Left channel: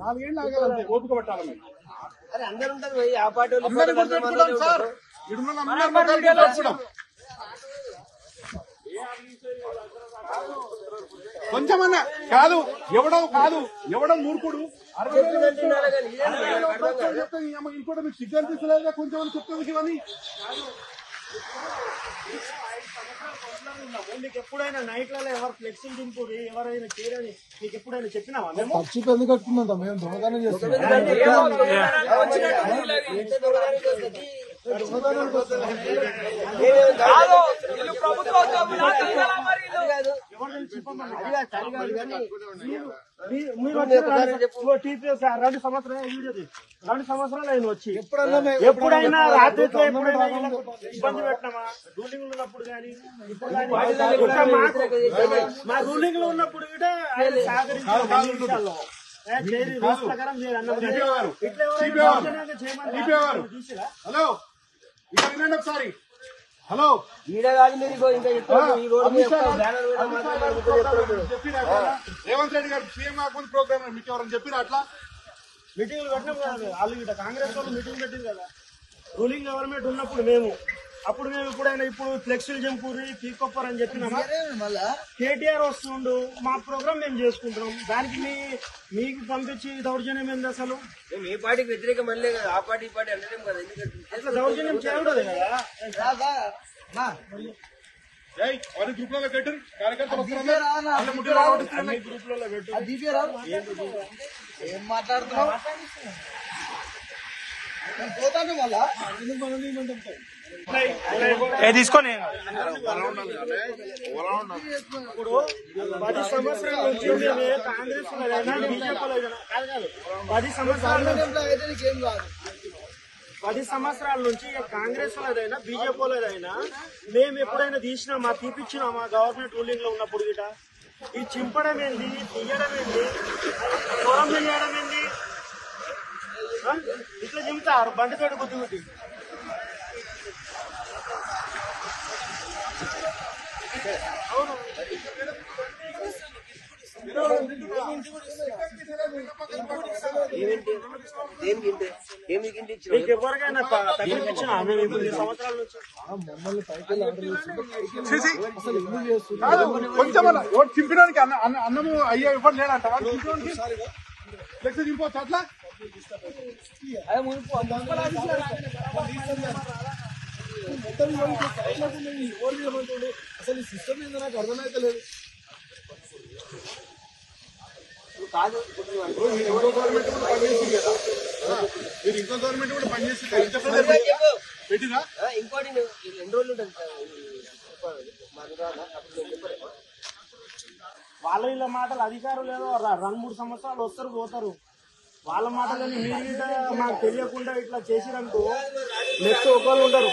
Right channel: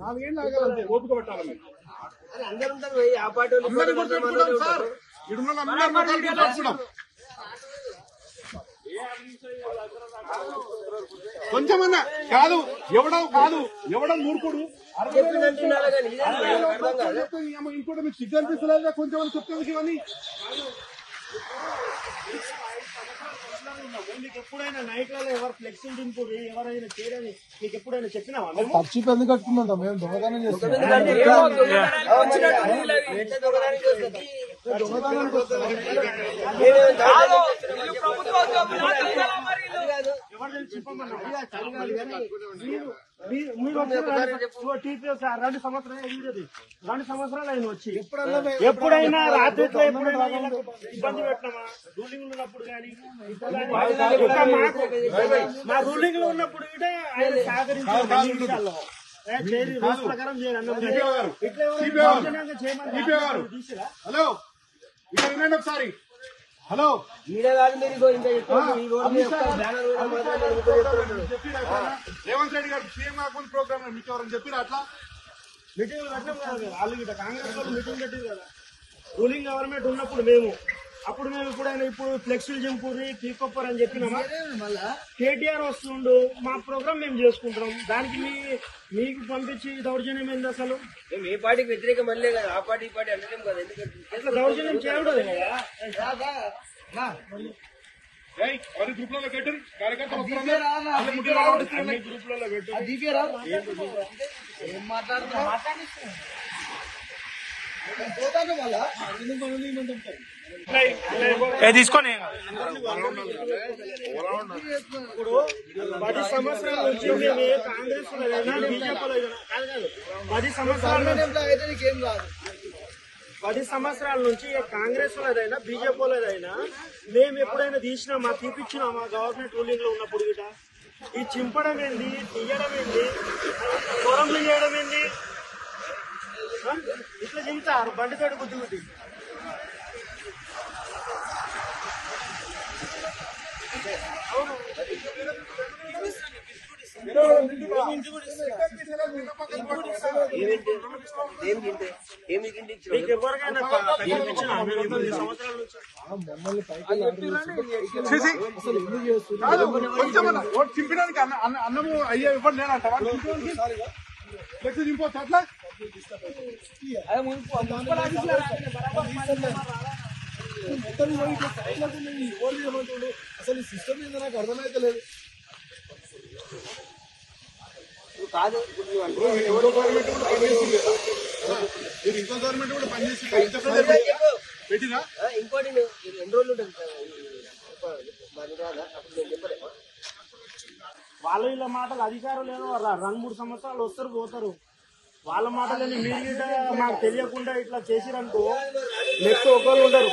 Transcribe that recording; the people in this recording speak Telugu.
4 ఏళ్ళు ఆగాలంటే ఓపిక పట్టాలి మీరు. అరే అందరు ఉంటారు ఆ పార్టీ సార్ ఇడున్న కొంచెమన్నా కాదు ఎవడం మూర్ఖుడు 60,000 చెప్తే ఇంకోటి మీకు సిగ్గు అనిపిస్తలేదా? కొంచెం చెప్తే ఇవన్నీ మీకు ఎప్పుడైనా నైట్లలో ఎవరు ఫ్లెక్సింగ్ దింపుడు ఎవరైనా చేయరని మీకు ఎప్పుడైనా చెప్పినావా? మేము ఖర్చు ఎందుకు కట్టుకుందాం? మేము దొంగతనం చేస్తున్నాం. రెండు సంవత్సరాలు ఆయన వచ్చి ఎప్పుడైనా రాత్రి ఇబ్బంది పెట్టినామా? రూలింగ్ ఉన్నప్పుడు కానీ ఇప్పుడు మా రూలింగ్ లో ఉన్నప్పుడు కూడా ఆయన సహకరించాలో రూల్స్ ప్రకారం హలో ఇక్కడ వినండి ఒకసారి. హలో రేవంత్ రెడ్డి గారు సీఎం కాకుండా ప్రోగ్రామ్ మీకు ఎవరైనా చెప్పారు అట్లా? మీటింగ్ వాళ్ళు ఇట కాంగ్రెస్ వాళ్ళు మీటింగ్ పెట్టింది కదా రూలింగ్ గవర్నమెంట్ ఉన్నప్పుడు మేము ఎప్పుడైనా ఇప్పుడు ఫ్లెక్సీలు దింపురి పీకొప్పర్ అని చెప్పినామా? కేటీఆర్ వస్తుండు మా ప్రోగ్రామ్ మేము చేసుకుంటున్నాం, దానికి మీకు పంపించి దౌర్జన్యం ఏంది? అసలు మీ పార్టీకి వ్యతిరేకం అనలే కదా, ఆ పార్టీ ఈ పార్టీ అనలేం కదా, ఎందుకంటే దౌర్జన్యం చేయకూడదు కదా. గ్రూప్ లో పెట్టండి కార్యకర్తలు గ్రూప్ లో ఏం మాట్లాడుతున్నా తీసుకొని ఇప్పుడు 10 సంవత్సరాల నుంచి మేము కాంగ్రెస్ బీజేపీలో 10 సంవత్సరాల నుంచి కాంగ్రెస్ లోదైనా బీజేపీలోదైనా మేము ఎప్పుడైనా తీసినామా, తీపిచ్చినామా? గవర్నమెంట్ రూలింగ్ లో ఉన్నప్పుడు గిట ఈ చింపడం ఏంది, తీయడం ఏంది, దూరం చేయడం ఏంది? ఇట్లా దిగుతారు బండి చెడు గుర్తు. ఎవరికైనా మమ్మల్ని పైకి ఆర్డర్ చేసి అసలు ఎందుకు చేస్తున్నారు? చింపడానికి అన్నము అయ్యా ఇవ్వండి లేదంటారా? ఫ్లెక్స్ చింపవచ్చు అట్లా? అసలు ఈ సిస్టమ్ ఏందో నాకు అర్థమైతే లేదు. కాదు ఎవరో గవర్నమెంట్ కూడా పనిచేస్తుంది కదా, మీరు ఇంకో గవర్నమెంట్ కూడా పనిచేస్తుంది. ఇంకోటి ఎన్ని రోజులు ఉంటుంది అప్పుడు నేను చెప్పలేమా? వాళ్ళ వీళ్ళ మాటలు అధికారం లేదు. 2-3 సంవత్సరాలు వస్తారు పోతారు. వాళ్ళ మాటలని మీరు మాకు తెలియకుండా ఇట్లా చేసిరనుకో నెక్స్ట్ ఒకరు ఉంటారు.